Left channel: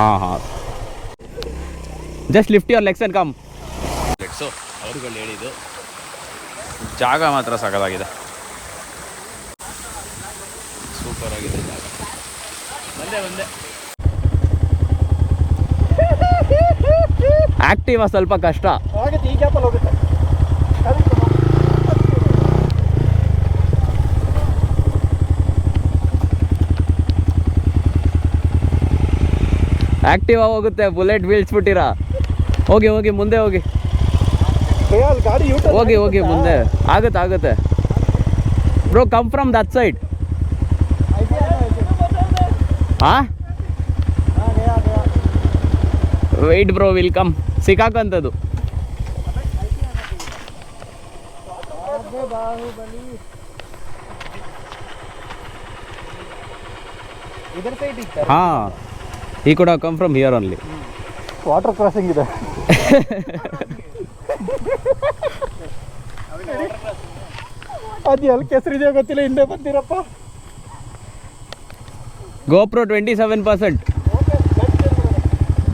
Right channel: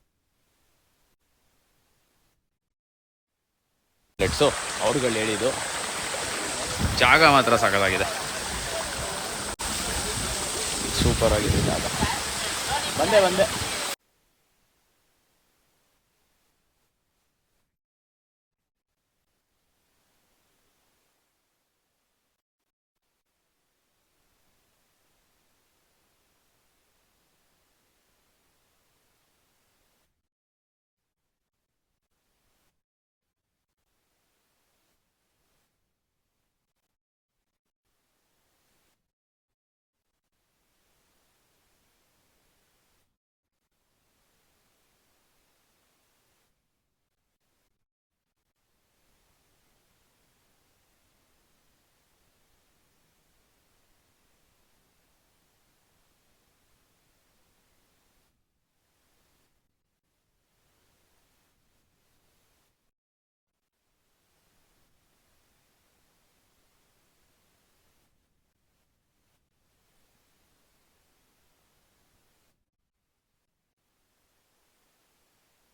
ಹಾಂ ಹಾಂ just lift your legs and come ಲೆಟ್ಸು ಅವ್ರುಗಳು ಹೇಳಿದ್ದು ಜಾಗ ಮಾತ್ರ ಸಕದಾಗಿದೆ ಸೂಪರ್ ಆಗಿದೆ ಜಾಗ. ಬಂದೆ ಬಂದೆ. ಆಕ್ಟಿವಾ ಸ್ವಲ್ಪ ಕಷ್ಟ. ಆಗುತ್ತೆ ಈ ಗ್ಯಾಪಲ್ಲಿ ಹೋಗುತ್ತೆ. ಆಕ್ಟಿವಾ ಹೋಗುತ್ತೆ ಬುಲೆಟ್ ಬೀಳ್ಸ್ಬಿಟ್ಟಿರಾ ಹೋಗಿ ಹೋಗಿ ಮುಂದೆ ಹೋಗಿ. ಹೋಗಿ ಹೋಗಿ ಮುಂದೆ. ಆಗುತ್ತೆ ಆಗುತ್ತೆ. Bro come from that side ಹಾಂ ವೆಯ್ಟ್ ಬ್ರೋ ವಿಲ್ ಕಮ್ ಸಿಕ್ಕಾಕಂಥದ್ದು ಹಾಂ. ಈ ಕೂಡ come from here only water crossing ಇದೆ. ಅದು ಎಲ್ಲಿ ಕೆಸರಿದೆಯೋ ಗೊತ್ತಿಲ್ಲ ಹಿಂದೆ ಬಂದಿರಪ್ಪ. GoPro twenty seven percent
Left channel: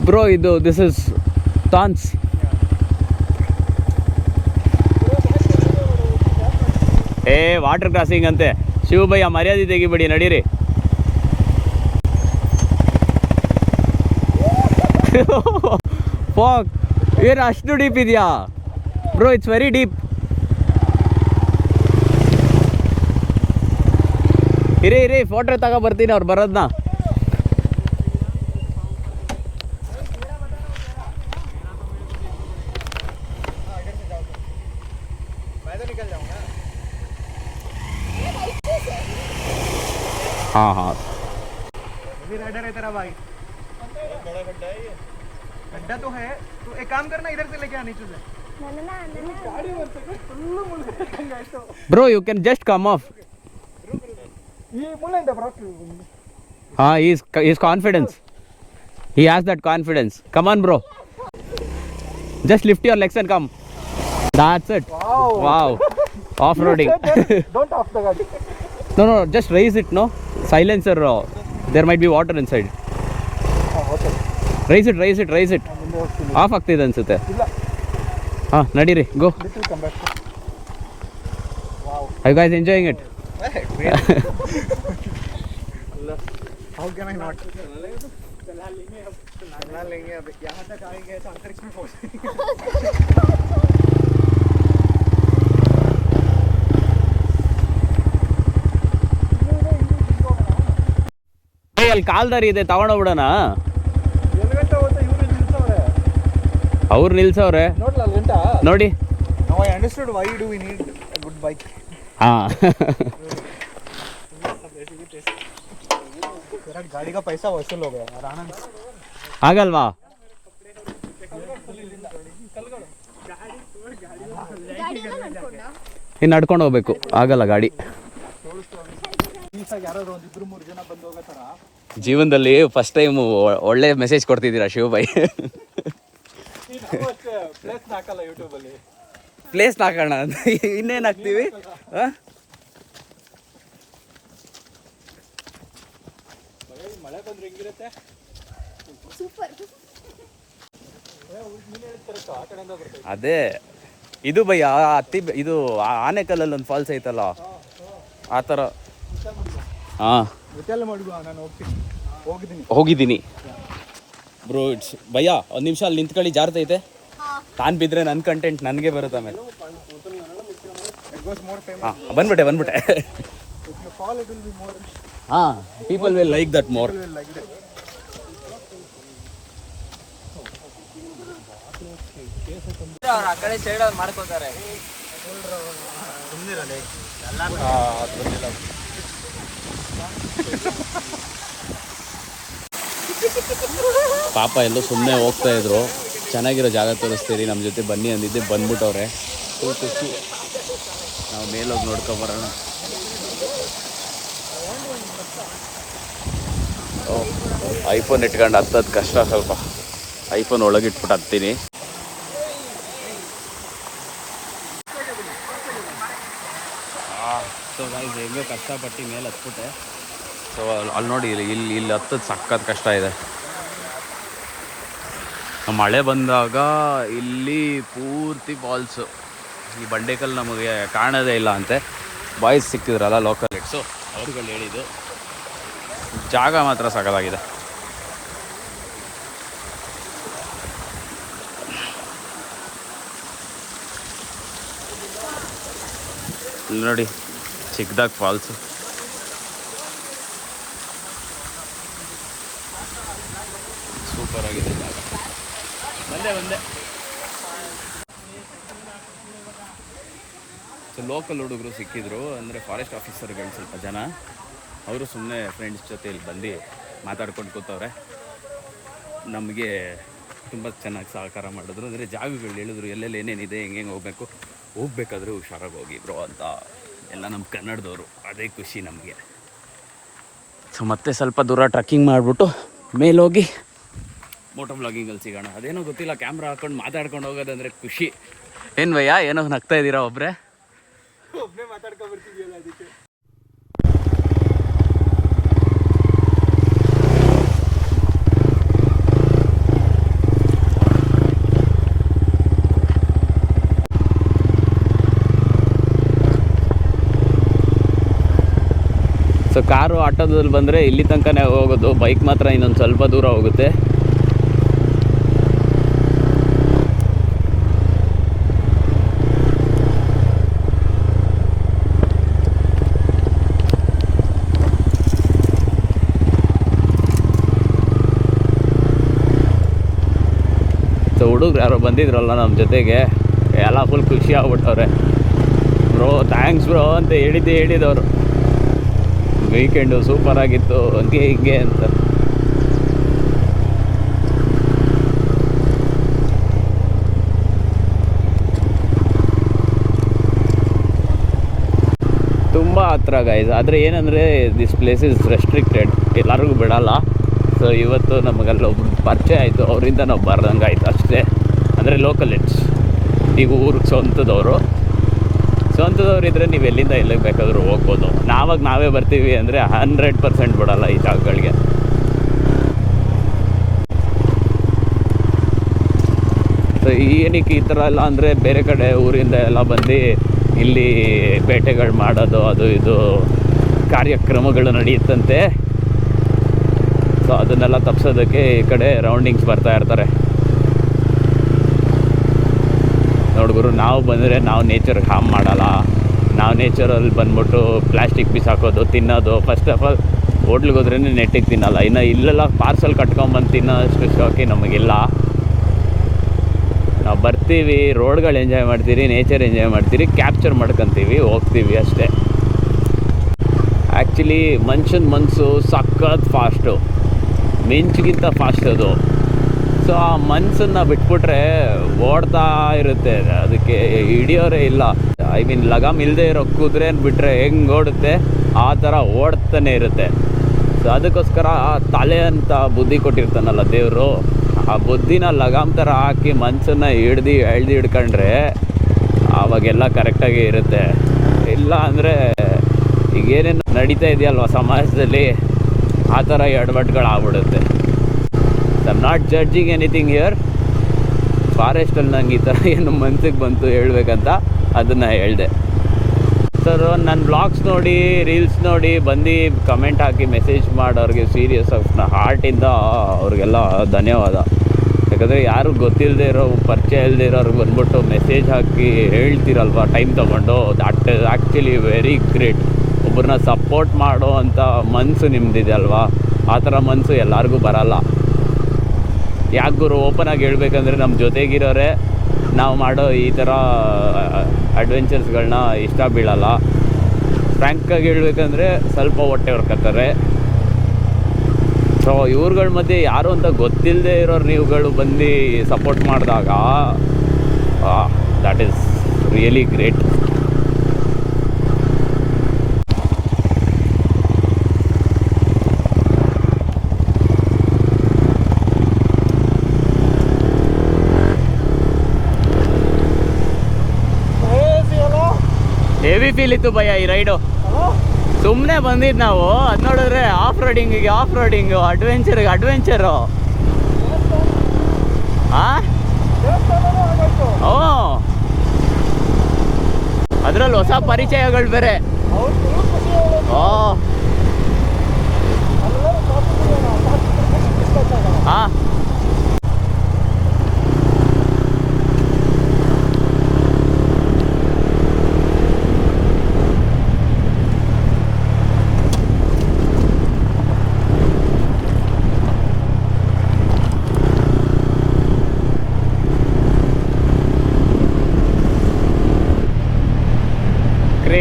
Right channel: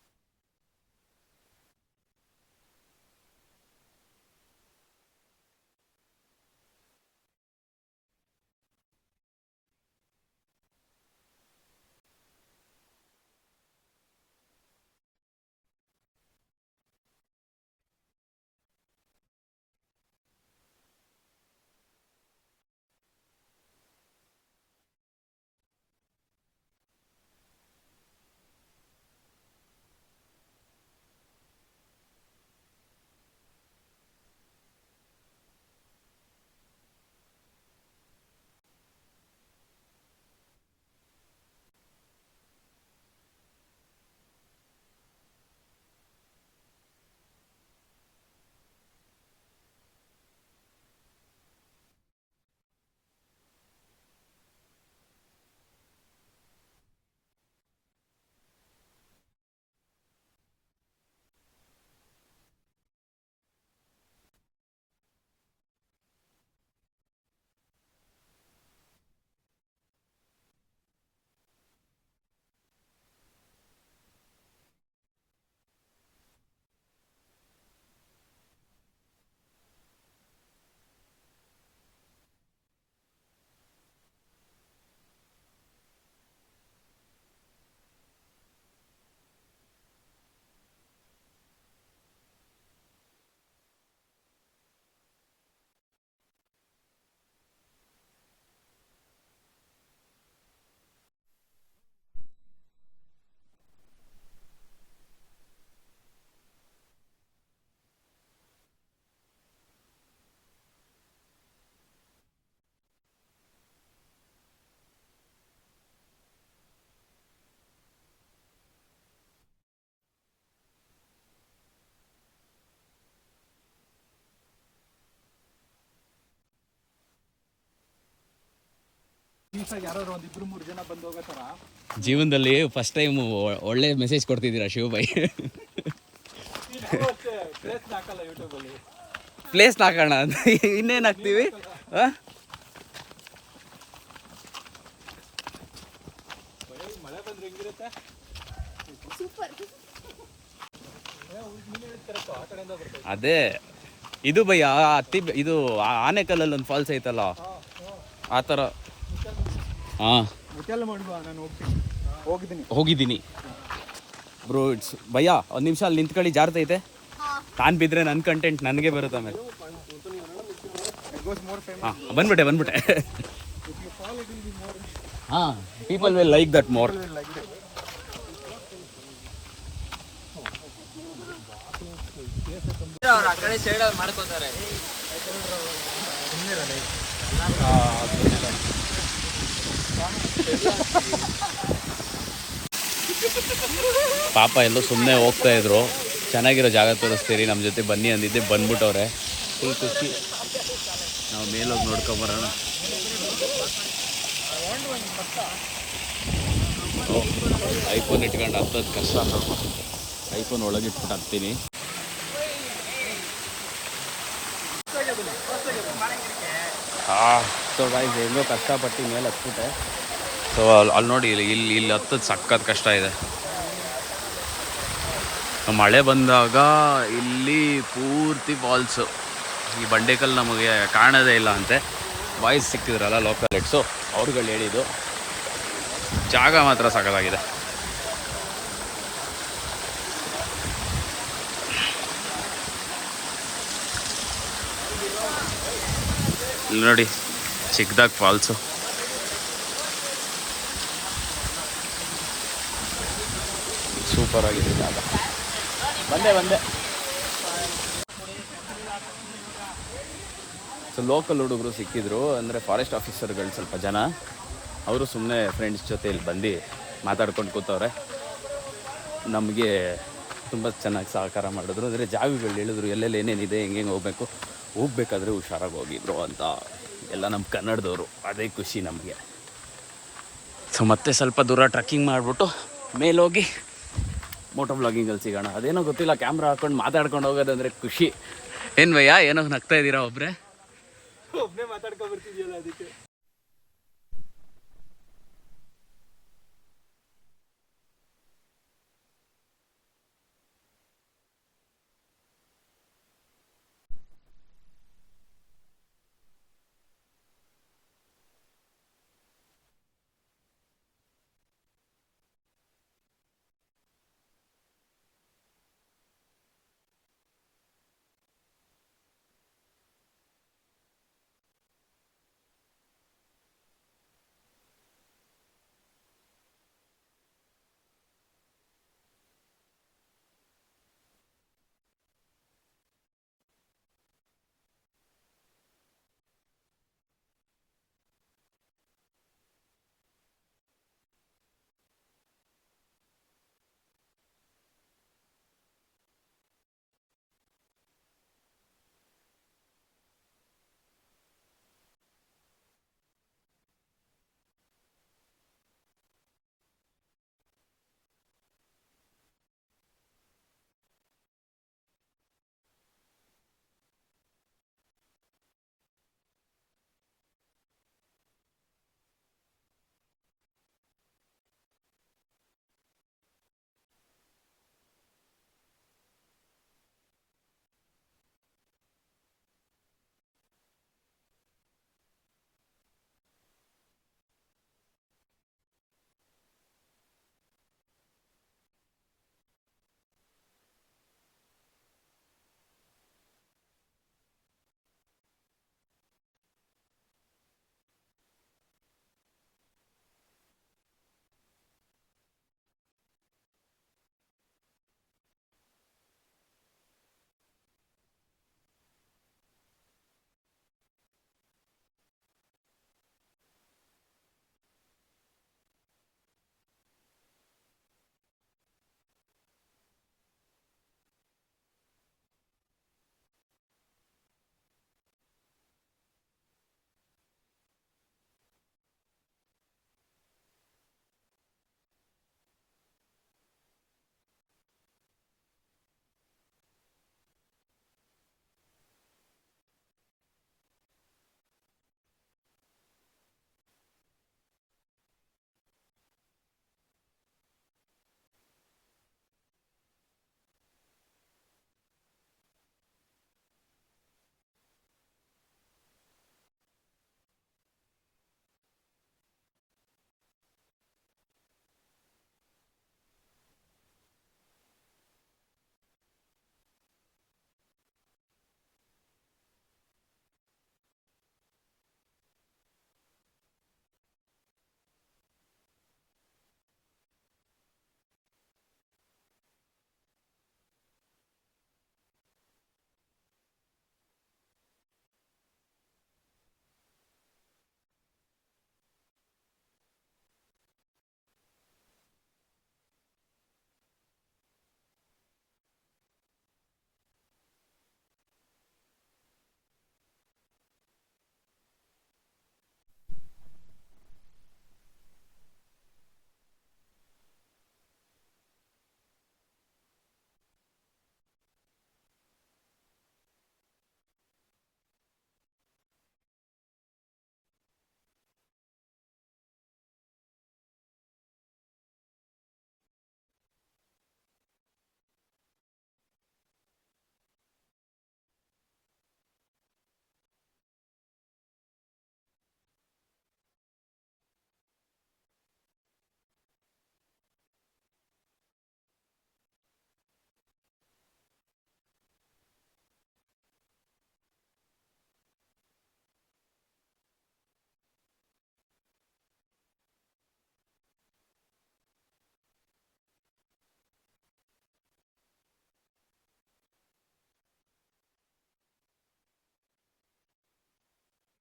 bro ಇದು ದಿಸ್ ಇಸ್ ತಾನ್ಸ್ ಏ ವಾಟರ್ ಕ್ರಾಸಿಂಗ್ ಅಂತೆ. ಶಿವಭಯ್ಯ ಮರ್ಯಾದೆ ತೆಗಿಬೇಡಿ ನಡೀರಿ. ಫಾಕ್ ಏನು ಅಷ್ಟು ಡೀಪ್ ಇದೆಯಾ ಬ್ರೋ ಇಟ್ಸ್ ವೆರಿ ಡೀಪ್ ಇರಿ ಇರಿ ಫೋಟೋ ತಗೋ ಬರ್ತೀನಿ ಅವ್ರು ಬರೋದನ್ನ हाँ हाँ. बड़ा तो है तो एक काम करना इधर से लेके bro you can just come off हाँ is confidence he has that confidence come on bro just lift your legs and come that's it wow off roading don't off the गाड़ी no no just raise it no silencer there might be water inside raise it raise it raise it off ಆಗ್ತಿದೆ ಅನಿಸುತ್ತೆ. ಹಾಂ, ನಡೀರಿ go I guys enjoying it ಅಲ್ಲಿ ಕಾಲ್ದಾರಿ ಇದೆ ತಗೊಂಡೋಗ್ಬಿಡೋಣ ಅವ್ರು ನಿಲ್ಸವ್ರೆ. ನೋಡಿ. ಹಾಂ. ಆಗಲ್ವಾ? ಇನ್ನು ನಡ್ಕೊಂಡು ಹೋಗ್ಬೇಕು. ಆಗಲ್ಲ ಗಾಡಿ. ಜೀವನದಲ್ಲಿ ಫಸ್ಟ್ ಟೈಮ್ ಒಳ್ಳೆ ಮೆಸೇಜ್ ಕೊಡ್ತಿದ್ದೀರಾ ಶಿವಭಾಯಿ ಪ್ಲೇಸ್ ಹಾಕೋಣ ಅಂತ. ಇನ್ನೇನು ಹಾಕ್ತೀವಿ? ಮಳೆ ಬಂದ್ರೆ ಹೆಂಗಿರುತ್ತೆ ಅದೇ ಇದು ಭಯ ಅತ್ತಿ ಇದು ಆನೆಕಲ್ಲಲ್ಲಿ ಒಂದು ಫಾಲ್ಸ್ ಐತಲ್ಲ? ಆ ಥರ ಹಾಂ. ಹೋಗಿದ್ದೀನಿ. ಬ್ರೋ ಇಟ್ಸ್ ಭಯ್ಯ, ಒಂದು ನಿಮಿಷ ಅಲ್ಲಿ ನಿಂತ್ಕೊಳ್ಳಿ ಜಾರ್ತೈತೆ ತಾನು ಬಿದ್ದರೆ ನನ್ನ ಕಂಟೆಂಟ್ ನನಗೆ ಬರುತ್ತೆ ಆಮೇಲೆ. ಹಾಂ, ಬಂದ್ಬಿಟ್ಟೆ ಬಂದ್ಬಿಟ್ಟೆ. ಹಾಂ people will like that more it ಪಾಪ ಎಲ್ಲೋ ಸುಮ್ಮನೆ ಹೋಗ್ತಾ ಇದ್ರು. ಚೆನ್ನಾಗಿರೋ ಜಾಗ ತೋರಿಸ್ತೀರಿ ನಮ್ಮ ಜೊತೆ ಬನ್ನಿ ಅಂದಿದ್ದೆ ಬಂದ್ಬಿಟ್ಟವ್ರೆ. ಫುಲ್ ಖುಷಿ. ನಾವು ಮೇಲೋಗಿ ನೋಡ್ಕೊಂಬರೋಣ ಓ ಐಫೋನ್ ಇಟ್ಕೊಂಡು ಹತ್ತೋದು ಕಷ್ಟ ಸ್ವಲ್ಪ. ಐಫೋನ್ ಒಳಗಿಟ್ಬಿಟ್ಟು ಹತ್ತೀನಿ ಹಾಂ ಸೊ ಬಾಯ್ ಹೆಂಗೋ ಕಷ್ಟಪಟ್ಟು ಮೇಲೆ ಹತ್ಬಿಟ್ಟೆ. ಸೊ ಅಲ್ಲಿ ಅಲ್ಲಿ ನೋಡಿ, ಇಲ್ಲಿ ಇಲ್ಲಿ ಇಲ್ಲಿ ಹತ್ತದ ಸಕ್ಕತ್ ಕಷ್ಟ ಇದೆ. ಮಳೆ ಬಂದಾಗ ಇಲ್ಲಿ ಪೂರ್ತಿ ಫಾಲ್ಸು ಈ ಬಂಡೆಕಲ್ ನಮಗೆ ಕಾಣೋದೇ ಇಲ್ಲ ಅಂತೆ. ಬಾಯ್ಸ್ ಸಿಕ್ಕಿದ್ರಲ್ಲ ಲೋಕಲ್ ಇಟ್ಸು ಅವ್ರುಗಳು ಹೇಳಿದ್ದು, ಜಾಗ ಮಾತ್ರ ಸಕಲಾಗಿದೆ. ಇಲ್ಲಿ ನೋಡಿ ಚಿಕ್ಕದಾಗ ಫಾಲ್ಸು ಸೂಪರ್ ಆಗಿದೆ ಜಾಗ. ಬಂದೆ ಬಂದೆ. ಸೊ ಲೋಕಲ್ ಹುಡುಗರು ಸಿಕ್ಕಿದ್ರು, ಅಂದರೆ ಫಾರೆಸ್ಟ್ ಆಫೀಸರ್ಗಳು ಸ್ವಲ್ಪ ಜನ. ಅವರು ಸುಮ್ಮನೆ ಫ್ರೆಂಡ್ಸ್ ಜೊತೆ ಇಲ್ಲಿ ಬಂದು ಮಾತಾಡ್ಕೊಂಡು ಕೂತವ್ರೆ. ನಮಗೆ ತುಂಬ ಚೆನ್ನಾಗಿ ಸಹಕಾರ ಮಾಡಿದ್ರು. ಅಂದರೆ ಜಾಗಗಳು ಹೇಳಿದ್ರು, ಎಲ್ಲೆಲ್ಲಿ ಏನೇನಿದೆ ಹೆಂಗೆ ಹೆಂಗೆ ಹೋಗ್ಬೇಕು, ಹೋಗ್ಬೇಕಾದ್ರೆ ಹುಷಾರಾಗಿ ಹೋಗಿದ್ರು ಅಂತ. ಎಲ್ಲ ನಮ್ಮ ಕನ್ನಡದವರು. ಅದೇ ಖುಷಿ ನಮಗೆ. ಸೊ ಮತ್ತೆ ಸ್ವಲ್ಪ ದೂರ ಟ್ರಕ್ಕಿಂಗ್ ಮಾಡಿಬಿಟ್ಟು ಮೇಲೋಗಿ ಮೋಟೋ ಬ್ಲಾಗಿಂಗಲ್ಲಿ ಸಿಗೋಣ. ಅದೇನೋ ಗೊತ್ತಿಲ್ಲ ಕ್ಯಾಮ್ರಾ ಹಾಕೊಂಡು ಮಾತಾಡ್ಕೊಂಡು ಹೋಗೋದಂದ್ರೆ ಖುಷಿ. ಏನು ಭಯ್ಯ ಏನೋ ನಗ್ತಾ ಇದ್ದೀರಾ ಒಬ್ಬರೇ ಒಬ್ಬನೇ ಮಾತಾಡ್ಕೊಂಡು ಬರ್ತಿದ್ಯಲ್ಲ ಅದಕ್ಕೆ. ಸೊ ಕಾರು ಆಟೋದಲ್ಲಿ ಬಂದರೆ ಇಲ್ಲಿ ತನಕನೇ ಹೋಗೋದು ಬೈಕ್ ಮಾತ್ರ ಇನ್ನೊಂದು ಸ್ವಲ್ಪ ದೂರ ಹೋಗುತ್ತೆ ಸೊ ಹುಡುಗ್ರು ಯಾರೋ ಬಂದಿದ್ರಲ್ಲ ನಮ್ಮ ಜೊತೆಗೆ. ಎಲ್ಲ ಫುಲ್ ಖುಷಿ ಆಗ್ಬಿಟ್ಟವ್ರೆ. ಬ್ರೋ ಥ್ಯಾಂಕ್ಸ್ ಬ್ರೋ ಅಂತ ಹೇಳಿದ್ದೆ ಹೇಳಿದವರು. ವೀಕೆಂಡು ಸೂಪರ್ ಆಗಿತ್ತು, ಹಂಗೆ ಹಿಂಗೆ ಅಂತ. ತುಂಬ ಹತ್ರ ಗೈಸ್ ಆದರೆ ಏನಂದರೆ ದಿಸ್ ಪ್ಲೇಸ್ ಇಸ್ ರೆಸ್ಟ್ರಿಕ್ಟೆಡ್ ಎಲ್ಲರಿಗೂ ಬಿಡಲ್ಲ. ಸೊ ಇವತ್ತು ನಮಗಲ್ಲಿ ಒಬ್ರು ಪರಿಚಯ ಆಯಿತು, ಅವರಿಂದ ನಾವು ಬರ್ದಂಗೆ ಆಯಿತು ಅಷ್ಟೇ. ಅಂದರೆ ಲೋಕಲ್ ಇಟ್ಸ್ ಈಗ ಊರು ಸ್ವಂತದವರು. ಸ್ವಂತದವ್ರು ಇದ್ದರೆ ನೀವು ಎಲ್ಲಿಂದ ಎಲ್ಲಿಗೆ ಬೇಕಾದರೂ ಹೋಗ್ಬೋದು. ನಾವಾಗ ನಾವೇ ಬರ್ತೀವಿ ಅಂದರೆ ಹಂಡ್ರೆಡ್ ಪರ್ಸೆಂಟ್ ಬಿಡಲ್ಲ ಈ ಜಾಗಗಳಿಗೆ. ಸೊ ಏನಕ್ಕೆ ಈ ಥರ ಎಲ್ಲ ಅಂದರೆ ಬೇರೆ ಕಡೆ ಊರಿಂದ ಎಲ್ಲ ಬಂದು ಇಲ್ಲಿ ಬೇಟೆಗಳು ಮಾಡೋದು, ಅದು ಇದು ಕಾರ್ಯಕ್ರಮಗಳು ನಡೆಯುತ್ತಂತೆ. ಸೊ ಅದನ್ನೆಲ್ಲ ತಪ್ಪಿಸೋದಕ್ಕೆ ಈ ಕಡೆ ರೌಂಡಿಂಗ್ಸ್ ಬರ್ತಾ ಇರ್ತಾರೆ. ನೋಡ್ಗುರು ನಾವು ಬಂದರೆ ನಾವು ನೇಚರ್ಗೆ ಹಾಮ್ ಮಾಡಲ್ಲ. ನಾವು ನೇಚರಲ್ಲಿ ಬಂದ್ಬಿಟ್ಟು ಪ್ಲಾಸ್ಟಿಕ್ ಪೀಸ್ ಹಾಕೋದು, ತಿನ್ನೋದು ಫಸ್ಟ್ ಆಫ್ ಆಲ್ ಹೋಟ್ಲಿಗೆ ಹೋದ್ರೇ ನೆಟ್ಟಿಗೆ ತಿನ್ನಲ್ಲ. ಇನ್ನು ಇಲ್ಲೆಲ್ಲ ಪಾರ್ಸಲ್ ಕಟ್ಕೊಂಬಂದು ತಿನ್ನೋ ಅಷ್ಟು ಶೋಕಿ ನಮಗಿಲ್ಲ. ನಾವು ಬರ್ತೀವಿ ರೋಡ್ಗಳು ಎಂಜಾಯ್ ಮಾಡ್ತೀರಿ ನೇಚರ್ ಎಂಜಾಯ್ ಮಾಡ್ತೀರಿ ಕ್ಯಾಪ್ಚರ್ ಮಾಡ್ಕೊತೀವಿ, ಹೋಗ್ತೀವಿ ಅಷ್ಟೇ. ಆ್ಯಕ್ಚುಲಿ ಮನುಷ್ಯನ ಮನಸ್ಸು ಸಖತ್ ಫಾಸ್ಟು ಮಿಂಚ್ಗಿಂತ ಫಾಸ್ಟ್ ಅದು. ಸೊ ಆ ಮನ್ಸನ್ನು ಬಿಟ್ಬಿಟ್ರೆ ಓಡ್ತಾ ಇರುತ್ತೆ. ಅದಕ್ಕೆ ಹಿಡಿಯೋರೇ ಇಲ್ಲ. ಐ ಮೀನ್ ಲಗಾಮ್ ಇಲ್ಲದೆ ಇರೋ ಕುದುರೆ ಬಿಟ್ಟರೆ ಹೆಂಗೆ ಓಡುತ್ತೆ? ಆ ಥರ ಓಡ್ತಾನೆ ಇರುತ್ತೆ. ಸೊ ಅದಕ್ಕೋಸ್ಕರ ತಲೆ ಅಂತ ಬುದ್ಧಿ ಕೊಟ್ಟಿರ್ತಾನಲ್ಲ ದೇವರು, ಆ ಬುದ್ಧಿನ ಲಗಾಮ್ ಥರ ಹಾಕಿ ಮನ್ಸನ್ನು ಹಿಡ್ದು ಎಳ್ದು ಹಿಡ್ಕೊಂಡ್ರೆ ಆವಾಗೆಲ್ಲ ಕರೆಕ್ಟಾಗಿ ಇರುತ್ತೆ. ಇಲ್ಲ ಅಂದರೆ ಈಗ ಏನೇನು ನಡೀತಾ ಇದೆಯಲ್ವ ಸಮಾಜದಲ್ಲಿ? ಆ ಥರ ಎಡವಟ್ಗಳು ಆಗ್ಬಿಡುತ್ತೆ I'm not judging anything here ಫಾರೆಸ್ಟಲ್ಲಿ ನಂಗೆ ಈ ಥರ ಏನು ಮನ್ಸಿಗೆ ಬಂತು ಹೇಳ್ಬೇಕಂತ ಅದನ್ನು ಹೇಳಿದೆ. ಸರ್ ನನ್ನ ಬ್ಲಾಗ್ಸ್ ನೋಡಿ ರೀಲ್ಸ್ ನೋಡಿ ಬಂದು ಕಮೆಂಟ್ ಹಾಕಿ ಮೆಸೇಜ್ ಮಾಡೋರಿಗೆ ಸೀರಿಯಸ್ ಆಗಿ ಹಾರ್ಟಿಂದ ಅವ್ರಿಗೆಲ್ಲ ಧನ್ಯವಾದ. ಯಾಕಂದರೆ ಯಾರು ಗೊತ್ತಿಲ್ಲದೆ ಇರೋ, ಪರಿಚಯ ಇಲ್ಲದೆ ಇರೋರಿಗೆ ಬಂದ್ಬಿಟ್ಟು ಮೆಸೇಜ್ ಹಾಕಿ ಹೇಳ್ತೀರಲ್ವ ಟೈಮ್ ತೊಗೊಂಡು? That is actually very great ಒಬ್ಬರನ್ನ ಸಪೋರ್ಟ್ ಮಾಡೋ ಅಂಥ ಮನಸ್ಸು ನಿಮ್ಮದಿದೆ ಅಲ್ವಾ? ಆ ಥರ ಮನಸ್ಸು ಎಲ್ಲರಿಗೂ ಬರಲ್ಲ. ಯಾಕೆ ಗುರು ಓಪನ್ ಆಗಿ ಹೇಳ್ಬೇಕಂದ್ರೆ ನಮ್ಮ ಜೊತೆಗಿರೋರೆ ನಾವು ಮಾಡೋ ಈ ಥರ ಅಡ್ವೆಂಚರ್ಸ್ಗಳನ್ನ ಇಷ್ಟ ಬೀಳಲ್ಲ. ಫ್ರ್ಯಾಂಕಾಗಿ ಹೇಳ್ಬೇಕಂದ್ರೆ ಸ್ವಲ್ಪ ಹೊಟ್ಟೆ ಹೊರ್ಕತ್ತಾರೆ. ಸೊ ಇವ್ರುಗಳ ಮಧ್ಯೆ ಯಾರು ಅಂತ ಗೊತ್ತಿಲ್ಲದೆ ಇರೋರು ನೀವುಗಳು ಬಂದು ಸಪೋರ್ಟ್ ಮಾಡಿದಾಗ that is really great feel ಇತ್ತು ಭಯ ಈ ರೈಡು ಸುಮ್ಮನೆ ಬಂದಿದ್ದು ನಾವು. ಅದು ನೋಡಿದ್ರೆ ಆಫ್ ರೋಡಿಂಗಿಗೆ ಆಫ್ ರೋಡಿಂಗು ಅಡ್ವೆಂಚರ್ಗೆ ಅಡ್ವೆಂಚರು ಓ. ಅದ್ರಲ್ಲಿ ಹೊಸ ಪರಿಚಯಗಳು ಬೇರೆ. ಓ.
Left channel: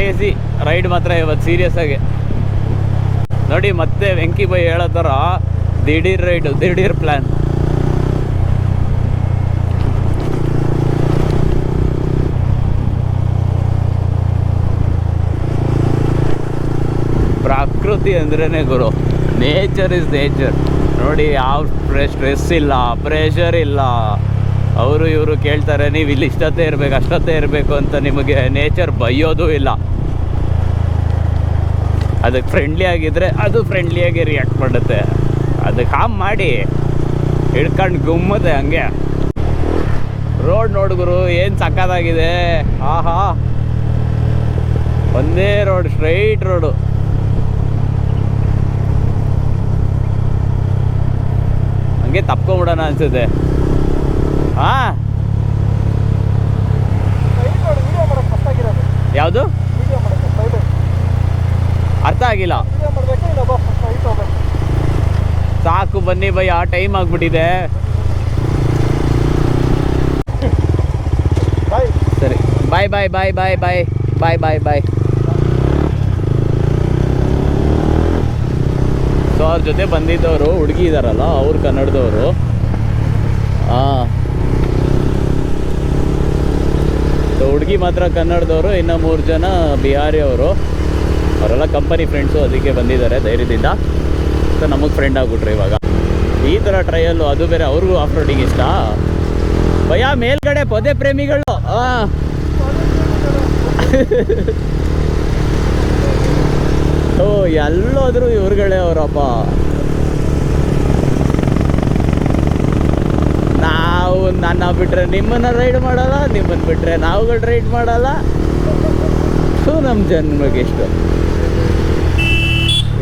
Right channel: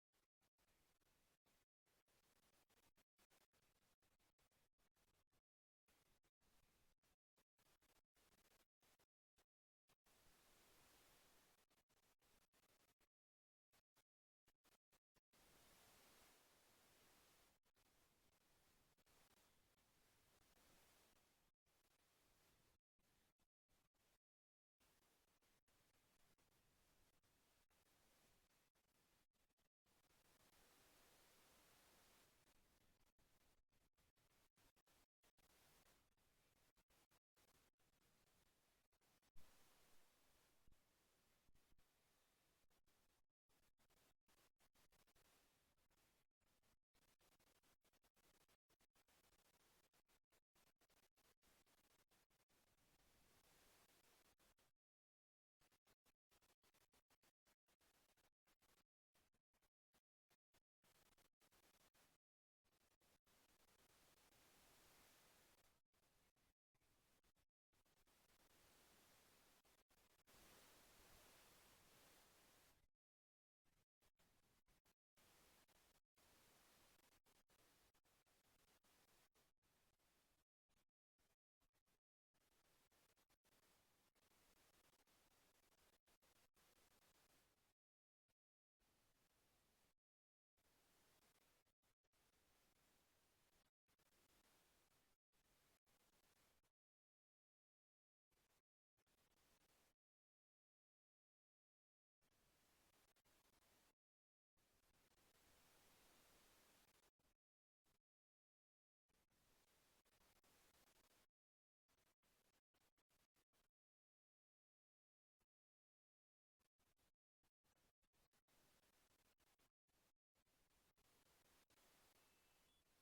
ಕ್ರೇಜಿ ರೈಡ್ ಮಾತ್ರ ಇವತ್ತು ಸೀರಿಯಸ್ ಆಗಿ. ನೋಡಿ, ಮತ್ತೆ ವೆಂಕಿ ಬೈ ಹೇಳೋ ಥರ ದಿಢೀರ್ ರೈಡು, ದಿಢೀರ್ ಪ್ಲ್ಯಾನ್ ಪ್ರಕೃತಿ ಅಂದ್ರೇ ಗುರು ನೇಚರ್ ಇಸ್ ನೇಚರ್ ನೋಡಿ, ಯಾವ ಸ್ಟ್ರೆಸ್ ಇಲ್ಲ ಪ್ರೆಷರ್ ಇಲ್ಲ. ಅವರು ಇವರು ಕೇಳ್ತಾರೆ ನೀವು ಇಲ್ಲಿ ಇಷ್ಟೊತ್ತೇ ಇರಬೇಕು, ಅಷ್ಟೊತ್ತೇ ಇರಬೇಕು ಅಂತ ನಿಮಗೆ ನೇಚರ್ ಬೈಯೋದು ಇಲ್ಲ. ಅದಕ್ಕೆ ಫ್ರೆಂಡ್ಲಿ ಆಗಿದ್ರೆ ಅದು ಫ್ರೆಂಡ್ಲಿಯಾಗಿ ರಿಯಾಕ್ಟ್ ಮಾಡುತ್ತೆ. ಅದಕ್ಕೆ ಹಾಮ್ ಮಾಡಿ ಹಿಡ್ಕೊಂಡು ಗುಮ್ಮದೆ ಹಂಗೆ. ರೋಡ್ ನೋಡಿದ್ರು ಏನು ಸಕ್ಕತ್ತಾಗಿದೆ ಆಹಾ. ಒಂದೇ ರೋಡ್ ಸ್ಟ್ರೈಟ್ ರೋಡು ಹಂಗೆ ತಪ್ಕೊಂಬಿಡೋಣ ಅನ್ಸುತ್ತೆ. ಹಾ. ಯಾವುದು? ಅರ್ಥ ಆಗಿಲ್ಲ. ಸಾಕು ಬನ್ನಿ ಆ ಟೈಮ್ ಆಗ್ಬಿಟ್ಟಿದೆ. ಸರಿ. ಬಾಯ್ ಬಾಯ್ ಬಾಯ್ ಬಾಯ್ ಬಾಯ್ ಬಾಯ್ ಬಾಯ್ ಬಾಯ್ ಸೊ ಅವ್ರ ಜೊತೆ ಬಂದಿದ್ದವರು, ಹುಡುಗಿ ಇದ್ದಾರಲ್ಲ ಅವ್ರು ಕನ್ನಡದವರು. ಹಾಂ ಹುಡುಗಿ ಮಾತ್ರ ಕನ್ನಡದವರು, ಇನ್ನು ಮೂರು ಜನ ಬಿಹಾರಿ ಅವರು ಅವರೆಲ್ಲ ಕಂಪನಿ ಫ್ರೆಂಡ್ಸು ಅದಕ್ಕೆ ಬಂದಿದ್ದಾರೆ ಧೈರ್ಯದಿಂದ. ಸೊ ನಮಗೆ ಫ್ರೆಂಡ್ ಆಗ್ಬಿಟ್ರು ಇವಾಗ. ಈ ಥರ ಟ್ರಯಲ್ಲು ಅದು ಬೇರೆ ಅವ್ರಿಗೂ ಆಫ್ ರೋಡಿಂಗ್ ಇಷ್ಟ. ಭಯ, ಮೇಲ್ಗಡೆ ಪೊದೆ ಪ್ರೇಮಿಗಳು. ಹಾಂ ಓ, ಎಲ್ಲೋದ್ರು ಇವ್ರುಗಳೇ ಅವರಪ್ಪ. ನಾವು ನನ್ನ ಬಿಟ್ರೆ ನಿಮ್ಮನ್ನ ರೈಡ್ ಮಾಡಲ್ಲ ನಿಮ್ಮನ್ನ ಬಿಟ್ರೆ ನಾವುಗಳು ರೈಡ್ ಮಾಡಲ್ಲ. ಸೊ ನಮ್ಮ ಜನ್ಮಗೆ ಎಷ್ಟು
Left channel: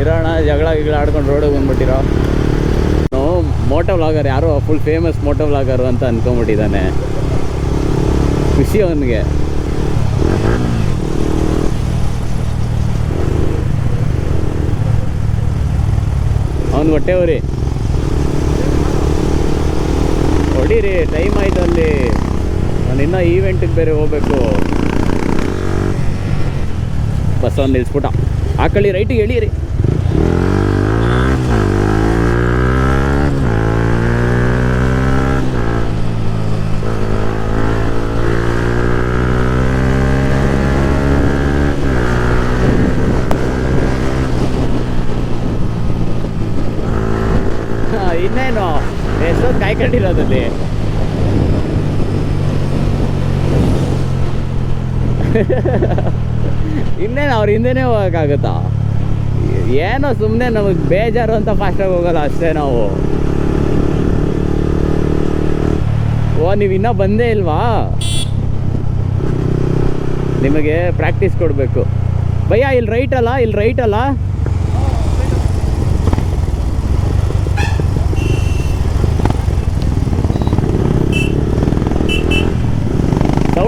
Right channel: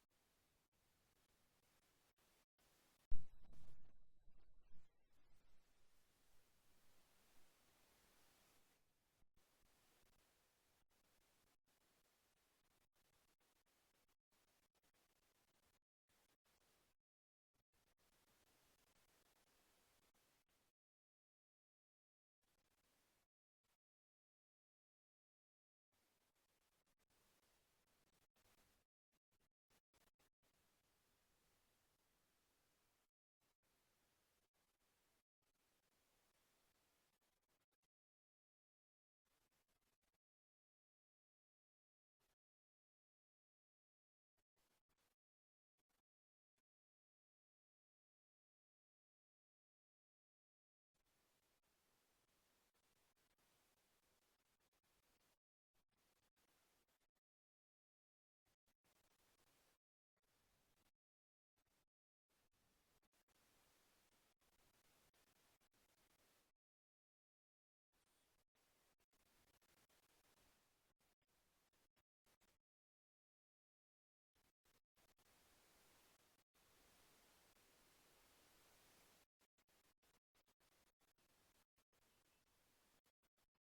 ಇರೋಣ ಜಗಳ ಗಿಗಳ ಆಡ್ಕೊಂಡು ರೋಡಿಗೆ ಬಂದ್ಬಿಟ್ಟಿರೋ. ಮೋಟೋ ವ್ಲಾಗರ್ ಯಾರೋ ಫುಲ್ ಫೇಮಸ್ ಮೋಟೋ ವ್ಲಾಗರು ಅಂತ ಅಂದ್ಕೊಂಬಿಟ್ಟಿದ್ದಾನೆ ಖುಷಿ ಅವನಿಗೆ. ಅವನು ಹೊಟ್ಟೆ ಉರಿ. ಹೊಡೀರಿ ಟೈಮ್ ಆಯ್ತು ಅಲ್ಲಿ. ನಾನು ಇನ್ನೂ ಈವೆಂಟಿಗೆ ಬೇರೆ ಹೋಗ್ಬೇಕು. ಬಸ್ ಒಂದು ನಿಲ್ಸ್ಬಿಟ್ಟ. ಆ ಕಳಿ ರೈಟಿಗೆ ಎಳೀರಿ ಹಾ, ಇನ್ನೇನು ಕಾಯ್ಕೊಂಡಿರೋದಲ್ಲಿ ಇನ್ನೇನು ಅವ್ರ ಹಿಂದೆನೇ ಹೋಗೋಕ್ಕಾಗುತ್ತಾ? ಏನೋ ಸುಮ್ಮನೆ ನಮಗೆ ಬೇಜಾರು ಅಂತ ಫಾಸ್ಟಾಗಿ ಹೋಗಲ್ಲ ಅಷ್ಟೇ ನಾವು. ಓ, ನೀವು ಇನ್ನೂ ಬಂದೇ ಇಲ್ವಾ? ನಿಮಗೆ ಪ್ರಾಕ್ಟೀಸ್ ಕೊಡಬೇಕು. ಭಯ್ಯ ಇಲ್ಲಿ ರೈಟ್ ಅಲ್ಲ? ಇಲ್ಲಿ ರೈಟ್ ಅಲ್ಲ?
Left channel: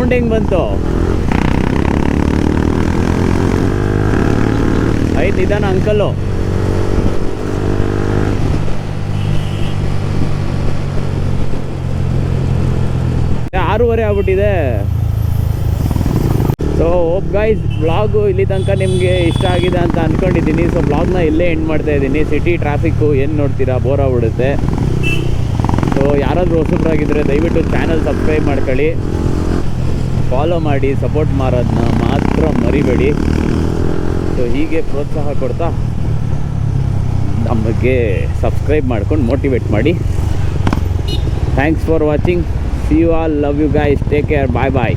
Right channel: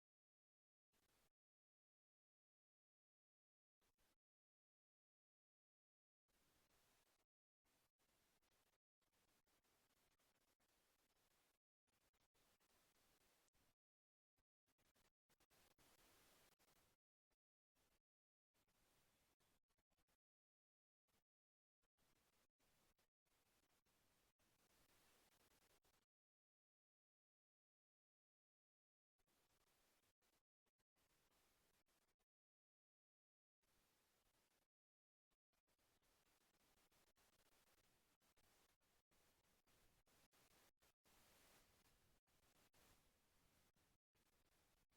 ಸೌಂಡ್ ಹೆಂಗೆ ಬಂತು? ಆಯ್ತು ನಿಧಾನ ಅಂಕಲ್ಲು ಆರೂವರೆ ಆಗ್ಬಿಟ್ಟಿದೆ. ಸೊ ಓಪ್ ಗೈಸ್ ಬ್ಲಾಗು ಇಲ್ಲಿ ತನಕ ನಿಮಗೆ ಇಷ್ಟ ಆಗಿದೆ ಅಂತ ಅಂದ್ಕೊಂಡಿದ್ದೀನಿ ಸೊ ಬ್ಲಾಗ್ನ ಇಲ್ಲೇ ಎಂಡ್ ಮಾಡ್ತಾ ಇದ್ದೀನಿ. ಸಿಟಿ ಟ್ರಾಫಿಕ್ಕು ಏನು ನೋಡ್ತೀರಾ? ಬೋರ್ ಆಗ್ಬಿಡುತ್ತೆ. ಸೊ ಯಾರಾದರೂ ಹೊಸಬ್ರಾಗಿದ್ದರೆ ದಯವಿಟ್ಟು ಚಾನಲ್ ಸಬ್ಸ್ಕ್ರೈಬ್ ಮಾಡ್ಕೊಳ್ಳಿ. ಫಾಲೋ ಮಾಡಿ ಸಪೋರ್ಟ್ ಮಾಡೋದನ್ನ ಮಾತ್ರ ಮರಿಬೇಡಿ. ಸೊ ಹೀಗೆ ಪ್ರೋತ್ಸಾಹ ಕೊಡ್ತಾ ನಮಗೆ ಸಬ್ಸ್ಕ್ರೈಬ್ ಮಾಡ್ಕೊಂಡು ಮೋಟಿವೇಟ್ ಮಾಡಿ. Thanks for watching see you all love you guys take care bye bye